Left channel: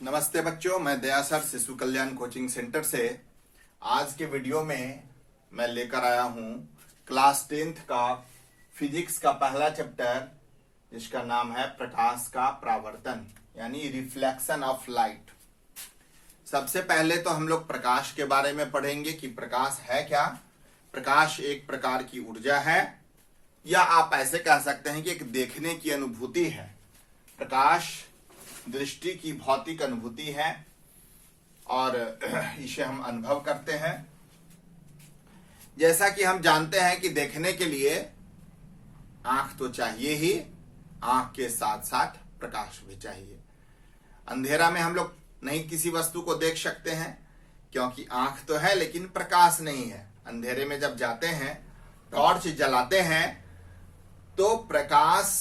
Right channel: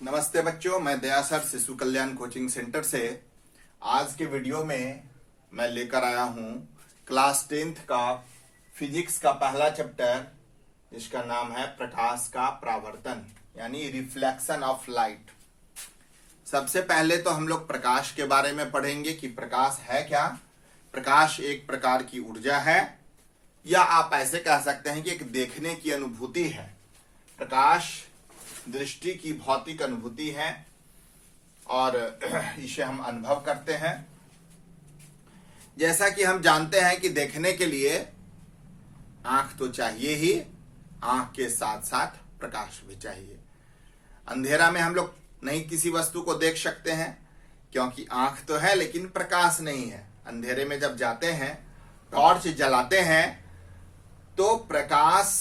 नमस्ते बच्चों, मैं दया सर शिशु कल्याण कोचिंग सेंटर से आज के वीडियो में मैं लेकर आया हूं क्लास 10th का फिजिक्स का पहला चैप्टर, जिसका नाम है प्रकाश का परावर्तन यानी रिफ्लेक्शन ऑफ लाइट। सबसे पहले तो हम लोग प्रकाश के बारे में पढ़ेंगे कि प्रकाश है क्या। प्रकाश एक प्रकार की ऊर्जा है, या आप ऐसे कह सकते हैं कि एक देखने की अनुभूति है। प्रकाश दृष्टि की भौतिक अनुभूति है और इसे हम अनुभव करते हैं। जैसा कि हम जानते हैं कि देखने के लिए आंख तो चाहिए ही, आंख के साथ साथ प्रकाश भी चाहिए। अंधेरा में हम लोग नहीं किसी वस्तु को देख सकते हैं, क्योंकि आंख तो है लेकिन प्रकाश नहीं है। अंधेरे में जब जाते हैं, टॉर्च जलाते हैं, तो प्रकाश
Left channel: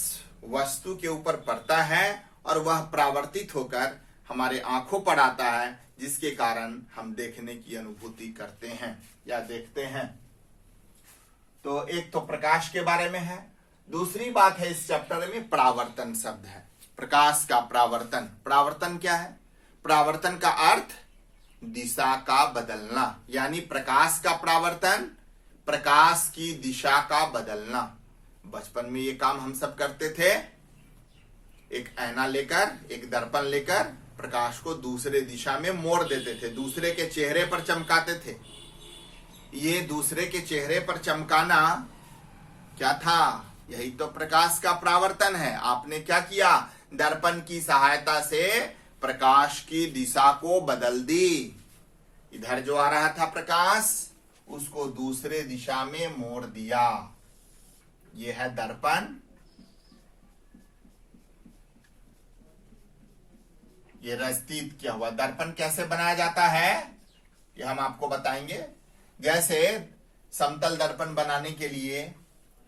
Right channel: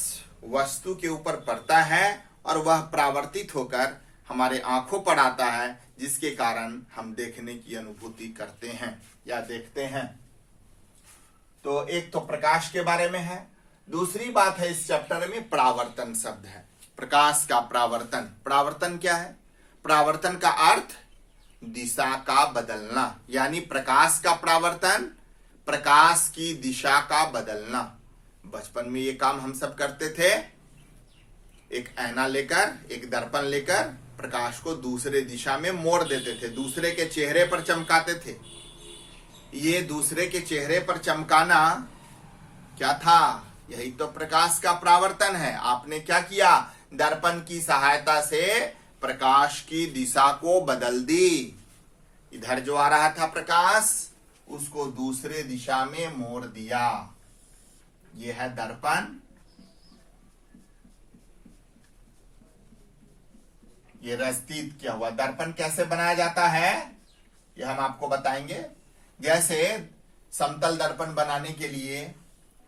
वस्तु के ऊपर पड़ता है और वह परावर्तित होकर हमारे आंखों पर आता है, जिसके कारण हम देखने की अनुभूति करते हैं या देखते हैं। तो एक तो प्रकाश के बारे में है। दूसरी बात है, इस चैप्टर में परावर्तन शब्द है। प्रकाश का परावर्तन। परावर्तन क्या है? परावर्तन का अर्थ दिशा का बदलना, यानी प्रकाश का परावर्तन, प्रकाश की दिशा का बदलना। बचपन में ये काम हम सब करते थे। एक ऐना लेकर, एक दर्पण लेकर प्रकाश को दूसरे दिशा में मोड़ देते थे, दूसरे के चेहरे पर चमकाते थे। ये दूसरे के चेहरे पर चमकाना क्या था? यही तो प्रकाश का परावर्तन है। आपने क्या किया? दर्पण की सहायता से प्रकाश की दिशा को बदल दी। इधर जो आ रहा था प्रकाश, उसको दूसरे दिशा में मोड़ दिया। यह है दर्पण। ये रस्तीत क्या हुआ? दर्पण कैसे बनाया जाता है ये हम आपको बताएंगे। जैसे समतल दर्पण बनाने के लिए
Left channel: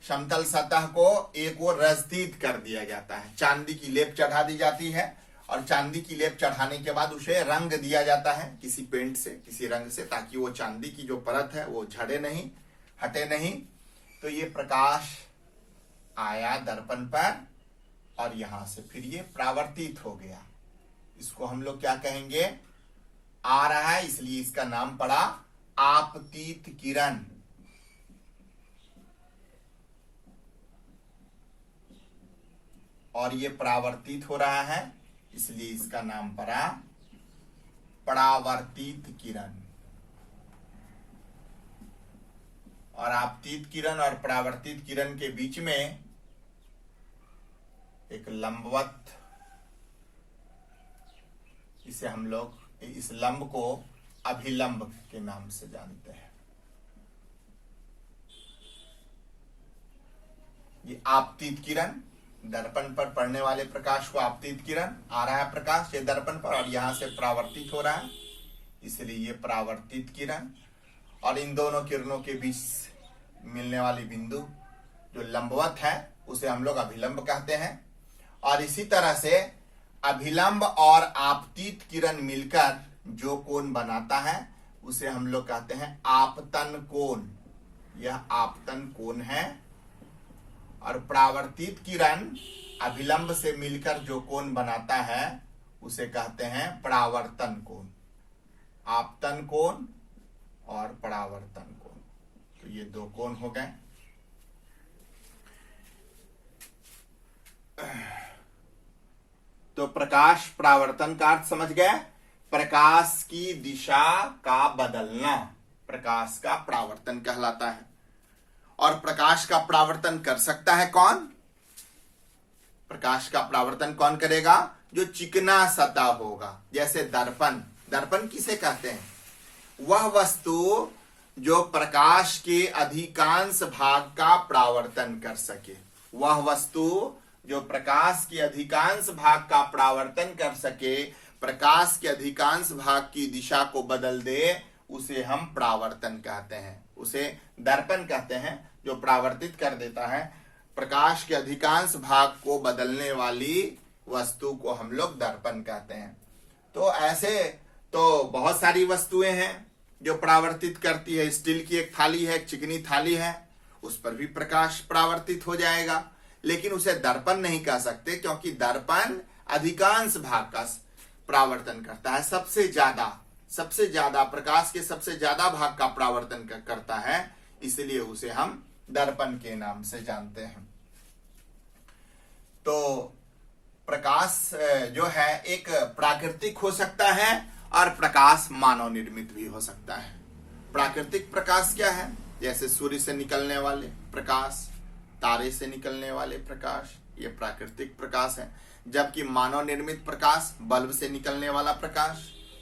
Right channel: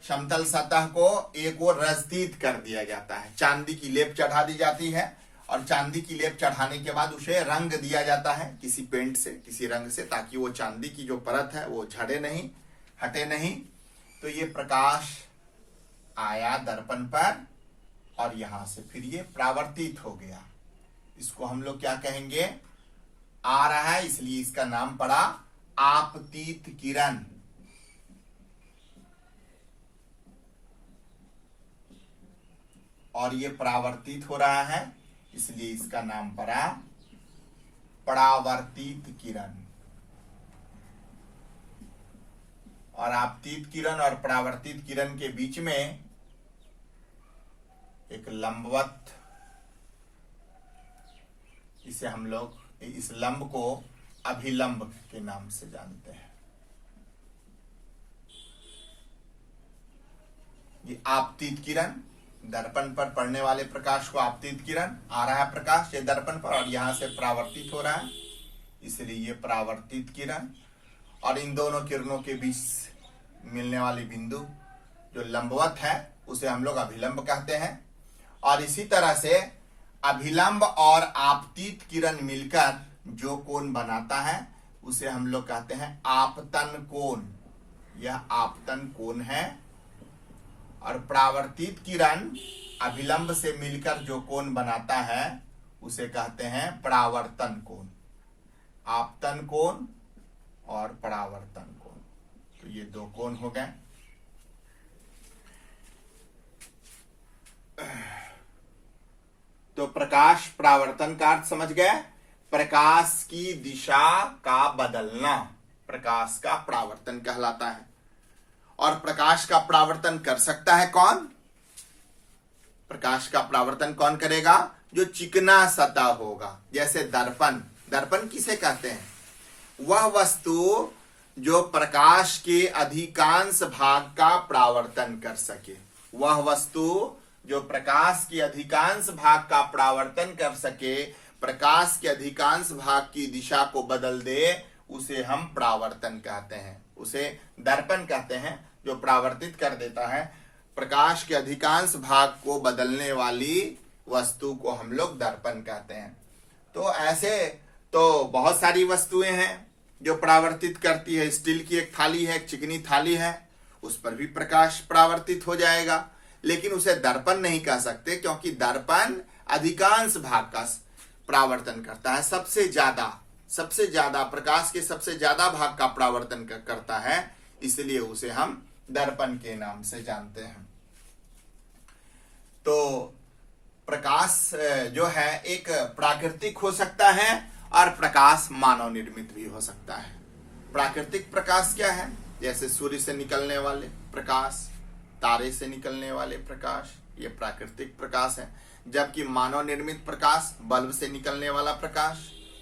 समतल सतह को एक और रस्तीत कर दिया जाता है। चांदी की लेप चढ़ा दी जाती है और चांदी की लेप चढ़ाने के बाद उसे रंग दिया जाता है किसी पेंट से, किसी रंग से, ताकि वो चांदी की जो परत है वो झड़े नहीं, हटे नहीं। तो ये प्रकाश आया दर्पण पर और यहां से फिर ये परावर्तित हो गया। इसको हम लोग क्या कहेंगे? आ रहा है, इसलिए इसका नाम पड़ा आपतित किरण। और ये परावर्तित हो रहा है, इसलिए इसका नाम पड़ा परावर्तित किरण। और आपतित किरण और परावर्तित किरण के बीच में एक लंबवत, इसे हम लोग इस लंब को अभिलंब के नाम से जानते हैं। ये आपतित किरण, दर्पण पर पड़ने वाले प्रकाश को आपतित किरण, आ रहा है प्रकाश ये दर्पण पर और यहां से परावर्तित हो रहा है, इसलिए ये परावर्तित किरण। और इन दोनों किरणों के बीच मिलने वाली बिंदु जो लंबवत है, उसे हम लोग अभिलंब कहते हैं। और इसी तरह से अभिलंब और आपतित किरण मिलकर जो कोण बनाता है, उसे हम लोग कहते हैं आपतन कोण। यह आपतन कोण है। और परावर्तित किरण अभिलंब से मिलकर जो कोण बनाता है, उसे कहते हैं परावर्तन कोण। आपतन कोण और परावर्तन कोण, तो ये दो कोण हो गए। तो प्रकाश परावर्तन का अर्थ समझ गए? प्रकाश की दिशा का बदलना प्रकाश का परावर्तन कहलाता है। और प्रकाश का परावर्तन कर सकता है कौन? प्रकाश का परावर्तन कौन करेगा? जो चिकना सतह होगा, जैसे दर्पण। दर्पण किसे कहते हैं? वह वस्तु जो प्रकाश के अधिकांश भाग का परावर्तन कर सके। वह वस्तु जो प्रकाश के अधिकांश भाग का परावर्तन कर सके, प्रकाश के अधिकांश भाग की दिशा को बदल दे, उसे हम परावर्तन कहते हैं। उसे दर्पण कहते हैं, जो परावर्तित कर देता है। प्रकाश के अधिकांश भाग को बदलने वाली वस्तु को हम लोग दर्पण कहते हैं। तो ऐसे तो बहुत सारी वस्तुएं हैं जो परावर्तित करती है। स्टील की एक थाली है, एक चिकनी थाली है, उस पर भी प्रकाश परावर्तित हो जाएगा, लेकिन उसे दर्पण नहीं कह सकते, क्योंकि दर्पण अधिकांश भाग का परावर्तन करता है, सबसे ज्यादा प्रकाश के सबसे ज्यादा भाग का परावर्तन करता है, इसलिए उसे हम दर्पण के नाम से जानते हैं। तो प्रकाश जो है एक प्राकृतिक हो सकता है और प्रकाश मानव निर्मित भी हो सकता है। प्राकृतिक प्रकाश क्या है? जैसे सूर्य से निकलने वाले प्रकाश, तारे से निकलने वाले प्रकाश, ये प्राकृतिक प्रकाश है। जबकि मानव निर्मित प्रकाश, बल्ब से निकलने वाला प्रकाश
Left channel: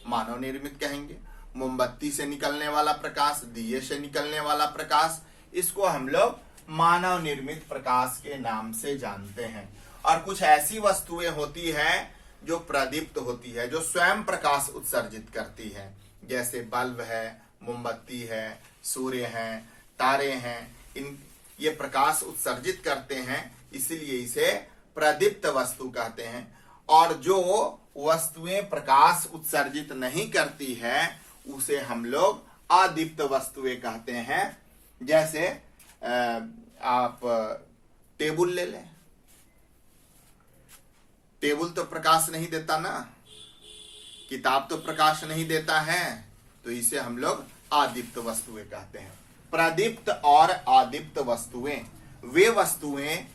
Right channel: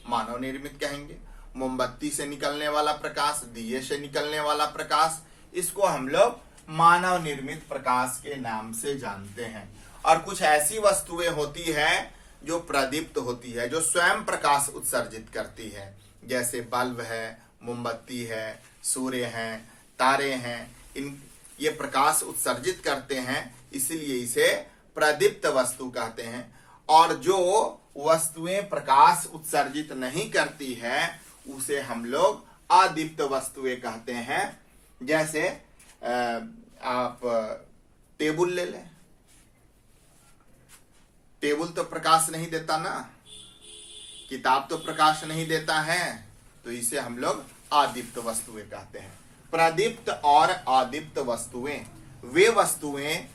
मानव निर्मित कहेंगे। मोमबत्ती से निकलने वाला प्रकाश, दिए से निकलने वाला प्रकाश, इसको हम लोग मानव निर्मित प्रकाश के नाम से जानते हैं। और कुछ ऐसी वस्तुएं होती है जो प्रदीप्त होती है, जो स्वयं प्रकाश उत्सर्जित करती है, जैसे बल्ब है, मोमबत्ती है, सूर्य है, तारे हैं, ये प्रकाश उत्सर्जित करते हैं, इसीलिए इसे प्रदीप्त वस्तु कहते हैं। और जो वस्तुएं प्रकाश उत्सर्जित नहीं करती है उसे हम लोग अदीप्त वस्तुएं कहते हैं। जैसे आप टेबल ले लें, टेबल तो प्रकाश नहीं देता ना, किताब तो प्रकाश नहीं देता है, तो इसे हम लोग अदीप्त वस्तुएं कहते हैं। प्रदीप्त और अदीप्त वस्तुएं, वे वस्तुएं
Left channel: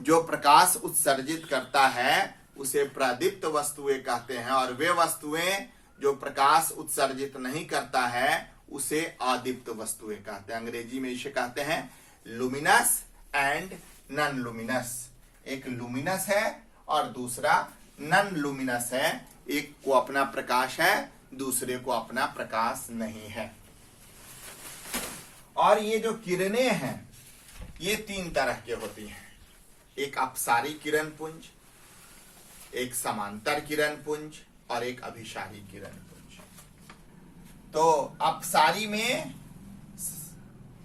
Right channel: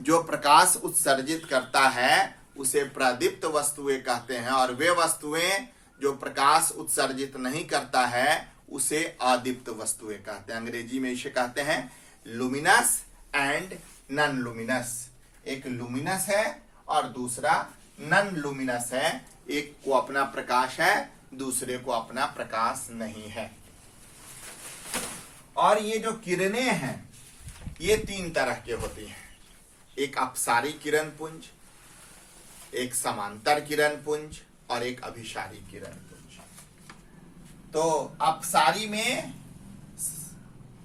जो प्रकाश उत्सर्जित करता है उसे प्रदीप्त वस्तुएं कहते हैं, और वे वस्तुएं जो प्रकाश उत्सर्जित नहीं करता है उसे अदीप्त वस्तुएं कहते हैं। अंग्रेजी में इसे कहते हैं लुमिनस एंड नॉन लुमिनस। एक लुमिनस है और दूसरा नॉन लुमिनस है। एक को अपना प्रकाश है, दूसरे को अपना प्रकाश नहीं है। और ये जो किरणें हैं ये तीन तरह के होती हैं। एक अपसारी किरण पुंज, एक समांतर किरण पुंज और एक अभिसारी किरण पुंज। तो अपसारी में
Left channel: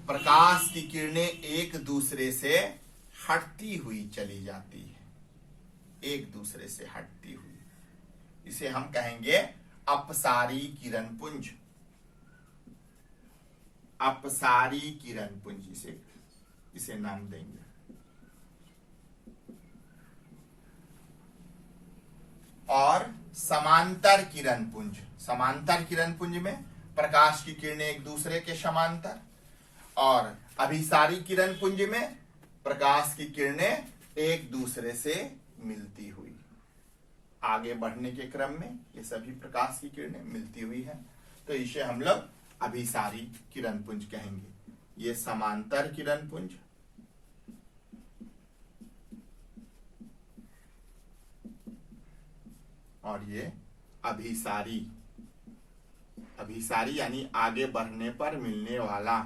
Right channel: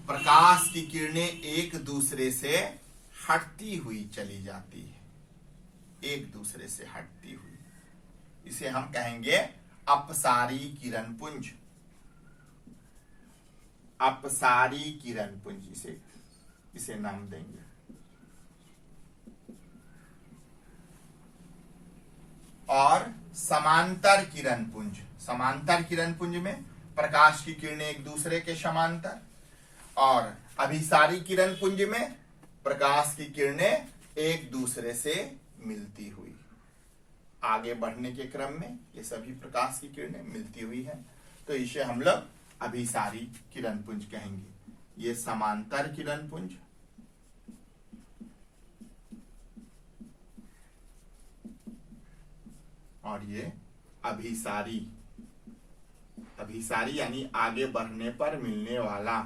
प्रकाश की किरणें एक दूसरे से हटती हुई चली जाती है, एक दूसरे से हटती हुई, इसे हम कहेंगे अपसारी किरण पुंज। अपसारी किरण पुंज इसे नाम देंगे। और समांतर किरण पुंज, समांतर किरण पुंज में प्रकाश की किरणें एक दूसरे के समांतर, और अभिसारी किरण पुंज में प्रकाश की किरणें एक दूसरे से मिलती हुई। आगे बढ़ने के क्रम में ये सभी प्रकाश की किरणें मिलती हुई हैं, तो इसे हम लोग अभिसारी किरण पुंज कहेंगे। ये समांतर किरण पुंज, और ये अभिसारी, अभिसारी यानी आगे बढ़ने पर मिलने वाला।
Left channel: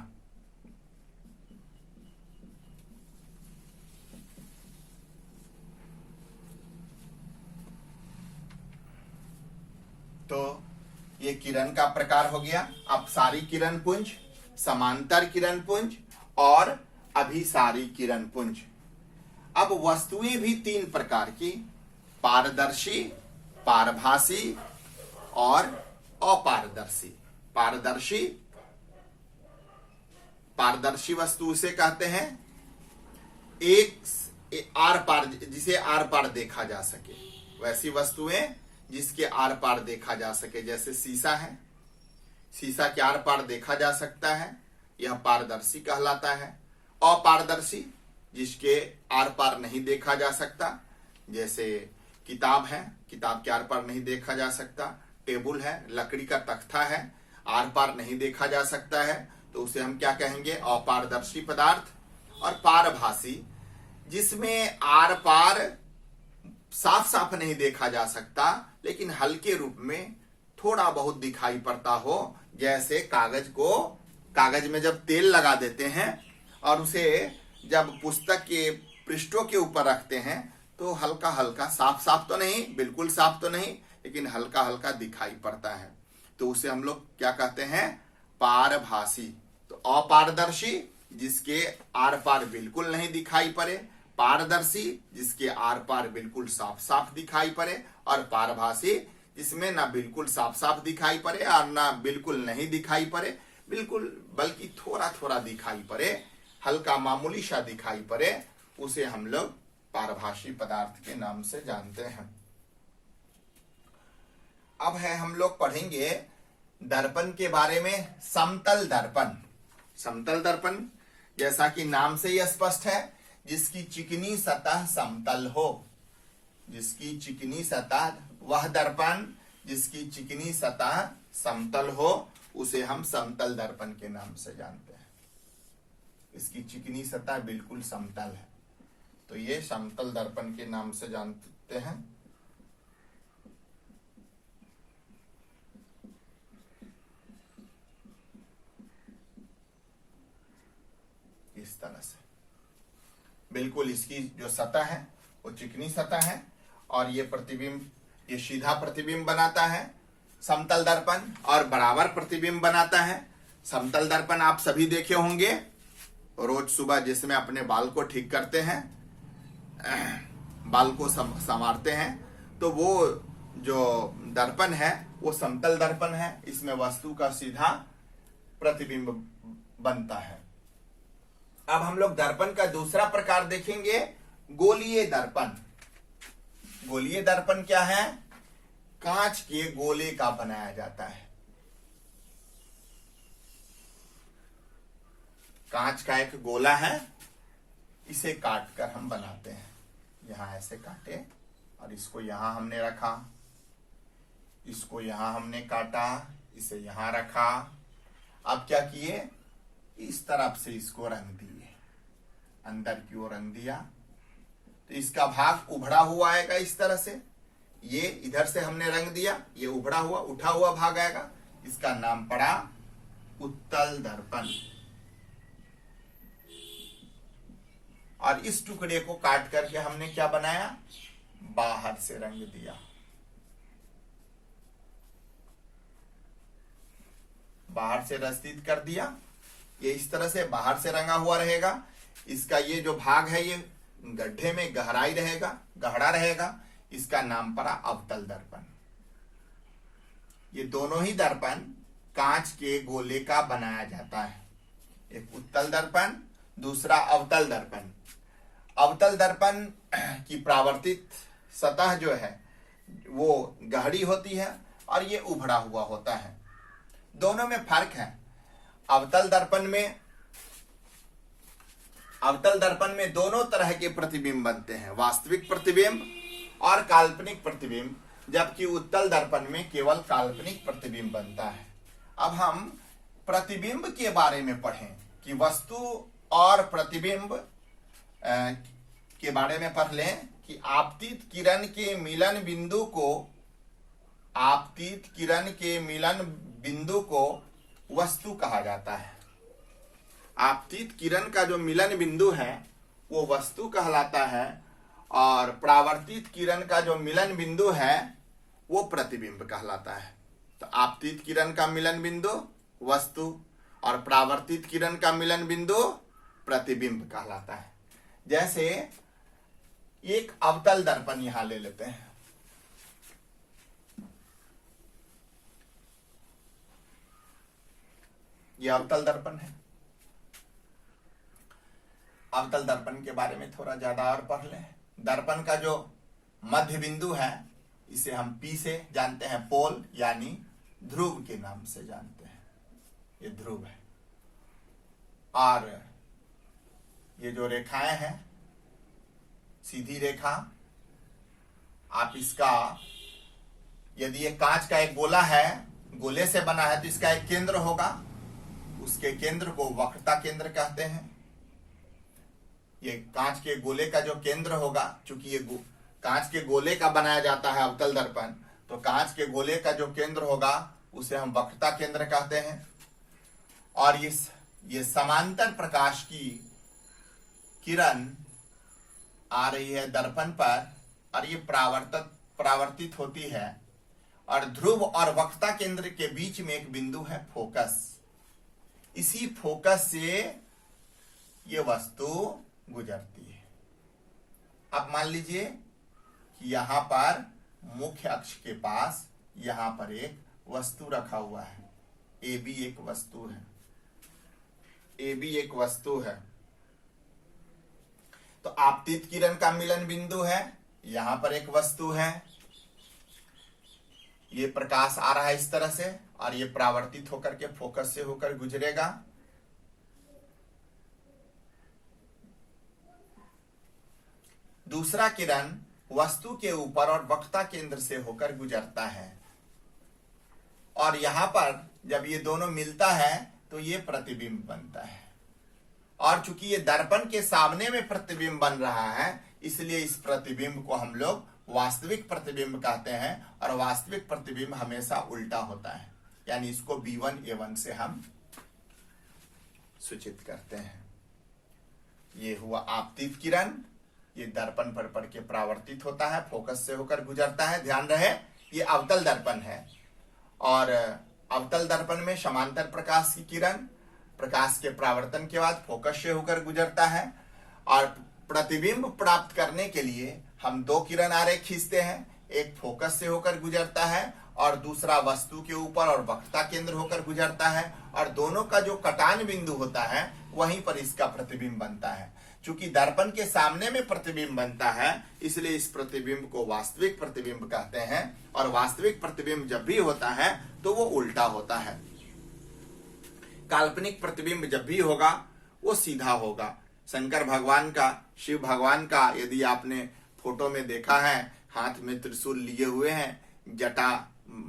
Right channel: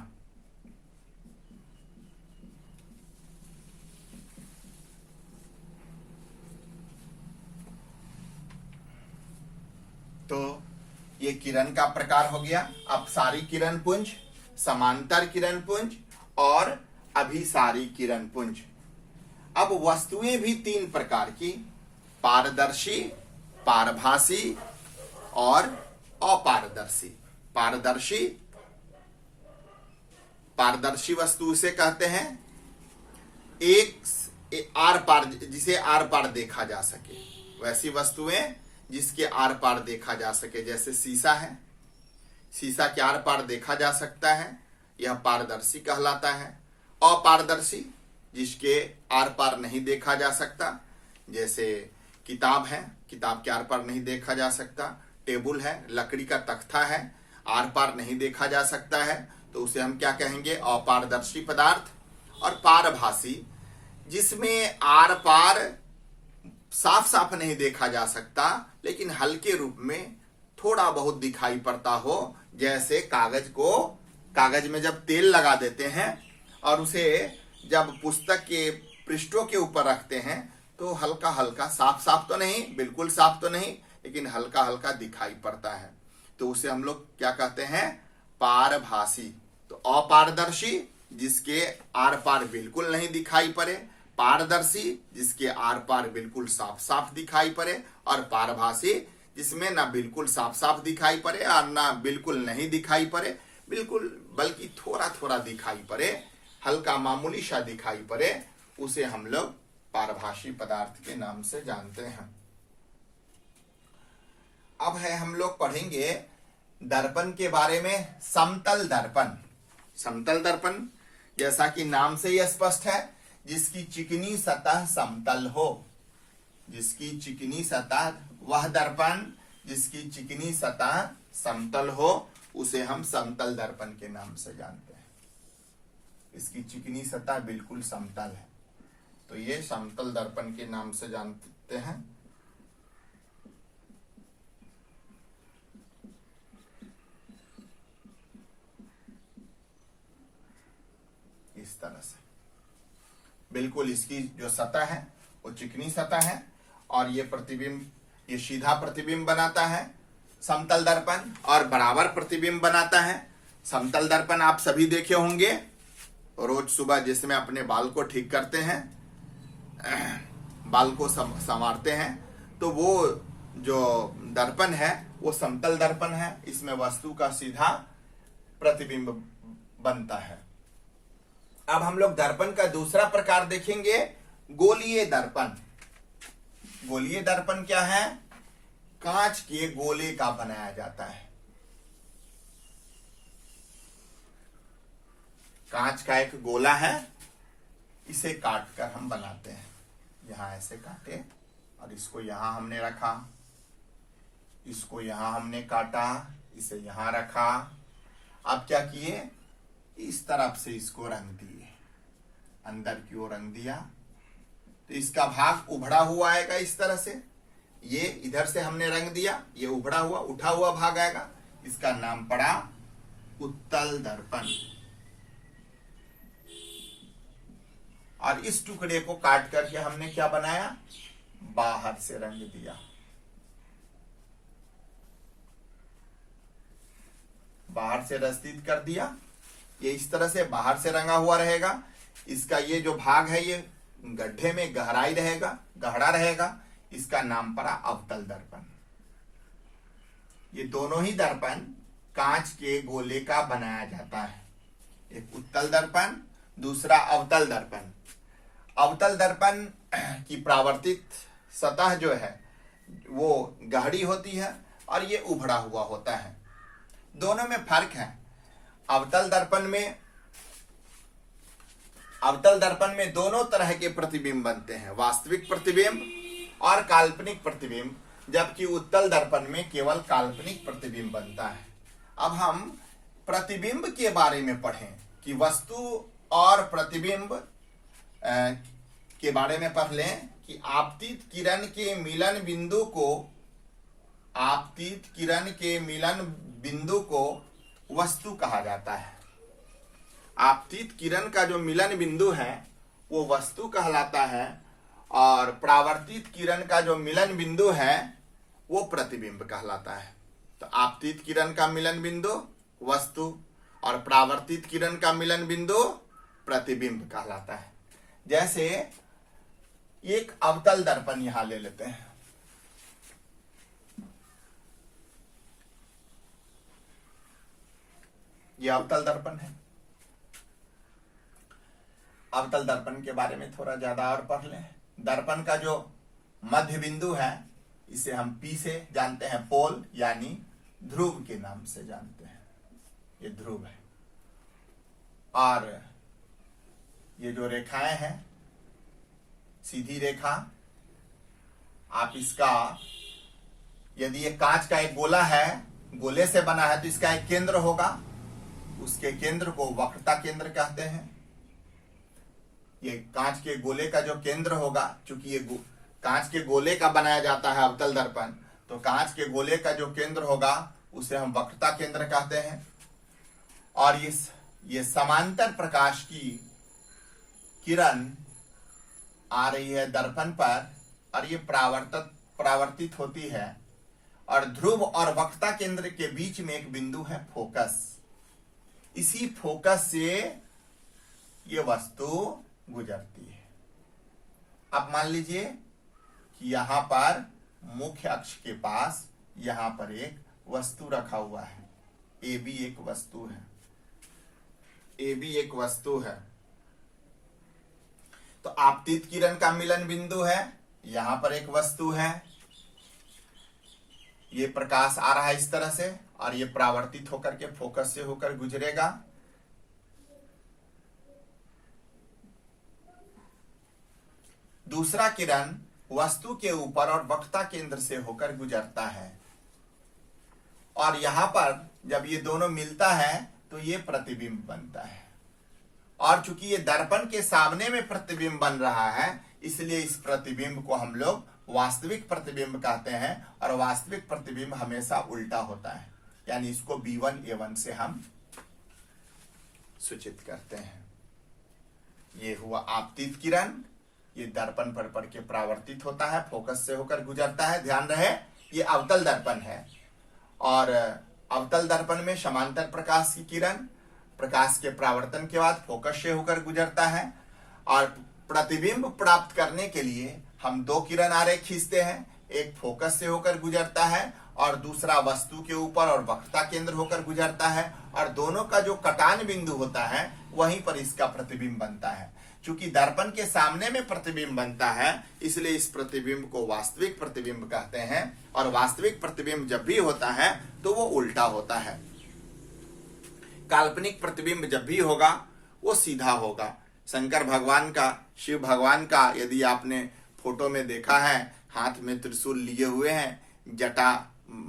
तो ये किरण का प्रकार हो गया अपसारी किरण पुंज, समांतर किरण पुंज और अभिसारी किरण पुंज। अब वस्तुएं भी तीन प्रकार की, पारदर्शी, पारभासी और अपारदर्शी। पारदर्शी, पारदर्शी वस्तु उसे कहते हैं एक आर पार, जिसे आर पार देखा जा सके। वैसी वस्तुएं जिसके आर पार देखा जा सके, जैसे शीशा है, शीशा के आर पार देखा जा सकता है, यह पारदर्शी कहलाता है। अपारदर्शी, जिसके आर पार नहीं देखा जा सकता, जैसे किताब है, किताब के आर पार नहीं देखा जा सकता। टेबल है, लकड़ी का तख्ता है, आर पार नहीं देखा जा सकता है, तो उसे हम क्या कहेंगे? अपारदर्शी पदार्थ। और पारभासी, जिसमें आर पार साफ साफ नहीं देखा जा सकता लेकिन हल्के रूप में थोड़ा बहुत दिखाई पड़ता हो, जैसे कागज में जब तेल लगा देते हैं और उसे जब पुस्तक के पृष्ठों के ऊपर रखते हैं तो हल्का हल्का, साफ साफ तो नहीं, बिल्कुल साफ तो नहीं, लेकिन हल्का हल्का दिखाई पड़ता है, तो उसे हम लोग क्या कहते हैं? पारभासी। तो अपारदर्शी, जिसके आर पार बिल्कुल नहीं दिखाई पड़े, पारदर्शी, जिसके आर पार बिल्कुल साफ साफ दिखाई पड़े, और पारभासी, जिसमें ना बिल्कुल साफ साफ दिखाई पड़े और ना बिल्कुल नहीं दिखाई पड़े, बिल्कुल बल्कि थोड़ा थोड़ा दिखाई पड़े, हल्का मामूली सा दिखाई पड़े, उसे हम लोग पारभासी पदार्थ के नाम से जानते हैं। अब है हम लोग पढ़ेंगे दर्पण के बारे में। समतल दर्पण। समतल दर्पण जैसा कि नाम से ही स्पष्ट है, जिसकी चिकनी सतह समतल हो। जिसकी चिकनी सतह, वह दर्पण जिसकी चिकनी सतह समतल हो उसे हम समतल दर्पण के नाम से जानते हैं। इसकी चिकनी सतह बिल्कुल समतल है तो ये समतल दर्पण के नाम से जानते हैं। इस तरह से बिल्कुल इसकी जो सतह है वो चिकनी सतह है और ये प्रतिबिंब, ये सीधा प्रतिबिंब बनाता है समतल दर्पण और बराबर प्रतिबिंब बनाता है। समतल दर्पण आप सभी देखे होंगे रोज सुबह, जिसमें अपने बाल को ठीक करते हैं, बाल को संवारते हैं, तो वो जो दर्पण है वो समतल दर्पण है। इसमें वस्तु का सीधा प्रतिबिंब बनता है। अब हम लोग दर्पण का दूसरा प्रकार देखेंगे, गोलीय दर्पण। गोलीय दर्पण क्या है? कांच के गोले का बनाया जाता है। कांच का एक गोला है, इसे काट कर हम बनाते हैं। यहां ऐसे काटे और इसको यहां हमने रखा, इसको यहां हमने काटा, इसे यहां रखा। अब क्या किए? इस तरफ से इसको रंग दिए, अंदर की ओर रंग दिया तो इसका भाग उभड़ा हुआ आएगा इस तरह से। ये इधर से हमने रंग दिया, ये उभड़ा हुआ उठा हुआ भाग आएगा। इसका नाम पड़ा उत्तल दर्पण। और इस टुकड़े को काट करके हमने क्या बनाया? बाहर से रंग दिया। बाहर से रस्तित कर दिया। ये इस तरह से बाहर से रंगा हुआ रहेगा। इसका ये जो भाग है ये गड्ढे में गहराई रहेगा, गहरा रहेगा। इसका नाम पड़ा अवतल दर्पण। ये दोनों ही दर्पण कांच के गोले का बनाया जाता है। एक उत्तल दर्पण, दूसरा अवतल दर्पण। अवतल दर्पण की परावर्तित सतह जो है वो गहरी होती है और ये उभड़ा हुआ होता है। दोनों में फर्क है। अवतल दर्पण में दोनों तरह के प्रतिबिंब बनते हैं, वास्तविक प्रतिबिंब और काल्पनिक प्रतिबिंब, जबकि उत्तल दर्पण में केवल काल्पनिक प्रतिबिंब बनता है। अब हम प्रतिबिंब के बारे में पढ़ें कि वस्तु और प्रतिबिंब के बारे में पढ़ लें कि आपतित किरण के मिलन बिंदु को वस्तु कहा जाता है। आपतित किरण का जो मिलन बिंदु है वो वस्तु कहलाता है और परावर्तित किरण का जो मिलन बिंदु है वो प्रतिबिंब कहलाता है। तो आपतित किरण का मिलन बिंदु वस्तु और परावर्तित किरण का मिलन बिंदु प्रतिबिंब कहलाता है। जैसे एक अवतल दर्पण यहां ले लेते हैं। यह अवतल दर्पण है। अवतल दर्पण के बारे में थोड़ा ज्यादा और पढ़ लें। दर्पण का जो मध्य बिंदु है इसे हम पी से जानते हैं, पोल यानी ध्रुव के नाम से जानते हैं। ये ध्रुव है। और ये जो रेखाएं हैं, सीधी रेखा, आप इसका, यदि ये कांच का एक गोला है, गोले से बना है, तो इसका एक केंद्र होगा। उसके केंद्र को वक्रता केंद्र कहते हैं। ये कांच के गोले का जो केंद्र होगा, चूंकि ये कांच के गोले का बनाया जाता है अवतल दर्पण, तो कांच के गोले का जो केंद्र होगा उसे हम वक्रता केंद्र कहते हैं। और ये समांतर प्रकाश की किरण आ रही है दर्पण पर और ये परावर्तित होती है और ध्रुव और वक्रता केंद्र के बीच में एक बिंदु है फोकस। इसी फोकस से ये वस्तु गुजरती है। अब मान लीजिए कि यहां पर मुख्य अक्ष के पास यहां पर एक वस्तु रखा हुआ है। ए बी एक वस्तु है। ए बी एक वस्तु है। तो आपतित किरण का मिलन बिंदु है, यहां पर एक वस्तु है। ये प्रकाश आ रहा है इस तरह से और ये परावर्तित होकर के फोकस से होकर गुजरेगा। दूसरा किरण वस्तु के ऊपर और वक्रता केंद्र से होकर गुजरता है और यहां पर जब ये दोनों मिलता है तो ये प्रतिबिंब बनता है। और चूंकि ये दर्पण के सामने में प्रतिबिंब बन रहा है इसलिए इस प्रतिबिंब को हम लोग वास्तविक प्रतिबिंब कहते हैं और वास्तविक प्रतिबिंब हमेशा उल्टा होता है, यानी इसको B1A1 से हम सूचित करते हैं। ये हुआ आपतित किरण, ये दर्पण पर पड़ के परावर्तित होता है, फोकस से होकर गुजरता है। ध्यान रहे ये अवतल दर्पण है और अवतल दर्पण में समांतर प्रकाश की किरण प्रकाश के परावर्तन के बाद फोकस से होकर गुजरता है और प्रतिबिंब प्राप्त करने के लिए हम दो किरण आरेख खींचते हैं, एक फोकस से होकर गुजरता है और दूसरा वस्तु के ऊपर और वक्रता केंद्र होकर गुजरता है और दोनों का जो कटान बिंदु होता है वहीं पर इसका प्रतिबिंब बनता है। चूंकि दर्पण के सामने में प्रतिबिंब बनता है इसलिए इस प्रतिबिंब को वास्तविक प्रतिबिंब कहते हैं और वास्तविक प्रतिबिंब जब भी होता है तो वो उल्टा होता है। काल्पनिक प्रतिबिंब जब भी होगा वो सीधा होगा। शंकर भगवान का, शिव भगवान का यदि आपने फोटो में देखा है, हाथ में त्रिशूल लिए हुए हैं, जटा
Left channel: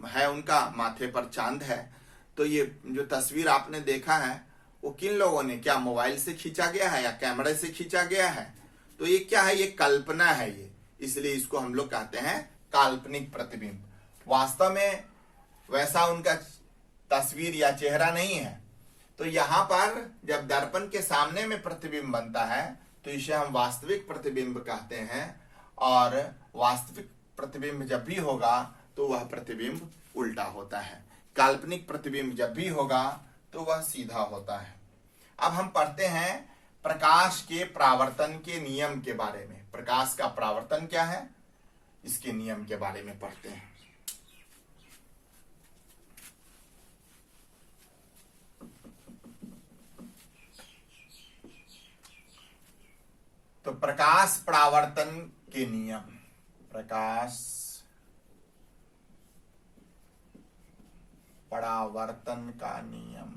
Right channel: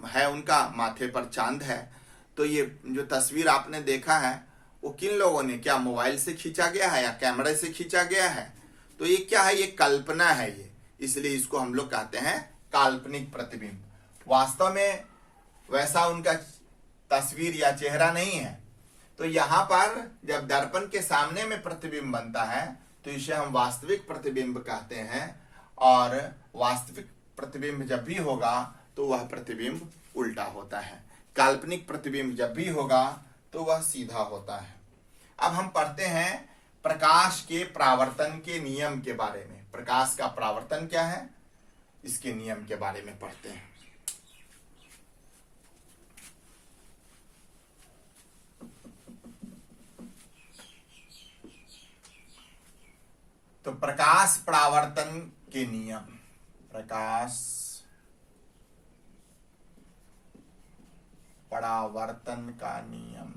है उनका, माथे पर चांद है, तो ये जो तस्वीर आपने देखा है वो किन लोगों ने, क्या मोबाइल से खींचा गया है या कैमरे से खींचा गया है? तो ये क्या है, ये कल्पना है ये, इसलिए इसको हम लोग कहते हैं काल्पनिक प्रतिबिंब। वास्तव में वैसा उनका तस्वीर या चेहरा नहीं है। तो यहां पर जब दर्पण के सामने में प्रतिबिंब बनता है तो इसे हम वास्तविक प्रतिबिंब कहते हैं और वास्तविक प्रतिबिंब जब भी होगा तो वह प्रतिबिंब उल्टा होता है। काल्पनिक प्रतिबिंब जब भी होगा तो वह सीधा होता है। अब हम पढ़ते हैं प्रकाश के परावर्तन के नियम के बारे में। प्रकाश का परावर्तन क्या है इसके नियम के बारे में पढ़ते हैं। तो प्रकाश परावर्तन के नियम, प्रकाश परावर्तन का नियम,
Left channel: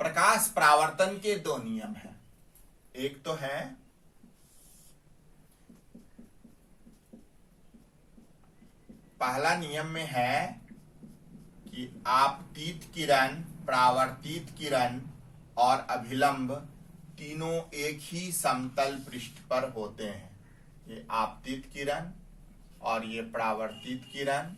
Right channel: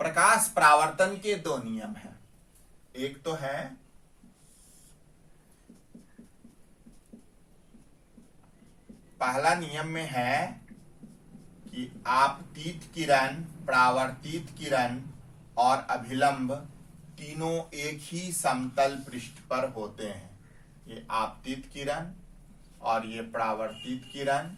प्रकाश परावर्तन के दो नियम हैं। एक तो है पहला नियम में है कि आपतित किरण, परावर्तित किरण और अभिलंब तीनों एक ही समतल पृष्ठ पर होते हैं। ये आपतित किरण और ये परावर्तित किरण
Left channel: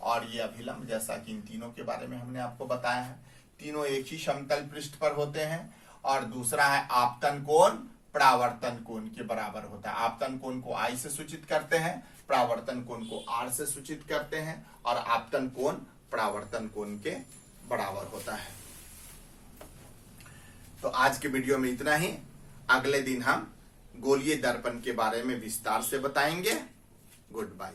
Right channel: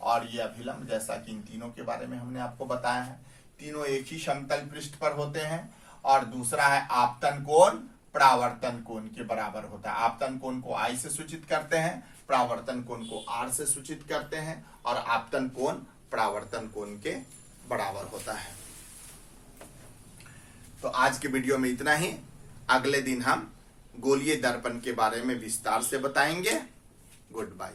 और ये अभिलंब, जैसा कि इन तीनों के बारे में हमने आपको बताया है, तीनों एक ही समतल पृष्ठ पर होते हैं। और दूसरा है आपतन कोण परावर्तन कोण के बराबर होता है। आपतन कोण को I से सूचित करते हैं, परावर्तन कोण को R से सूचित करते हैं और आपतन कोण परावर्तन कोण के बराबर होता है। तो आज के वीडियो में इतना ही। अगले दिन हम गोलीय दर्पण के बारे में विस्तार से बताएंगे। Good bye.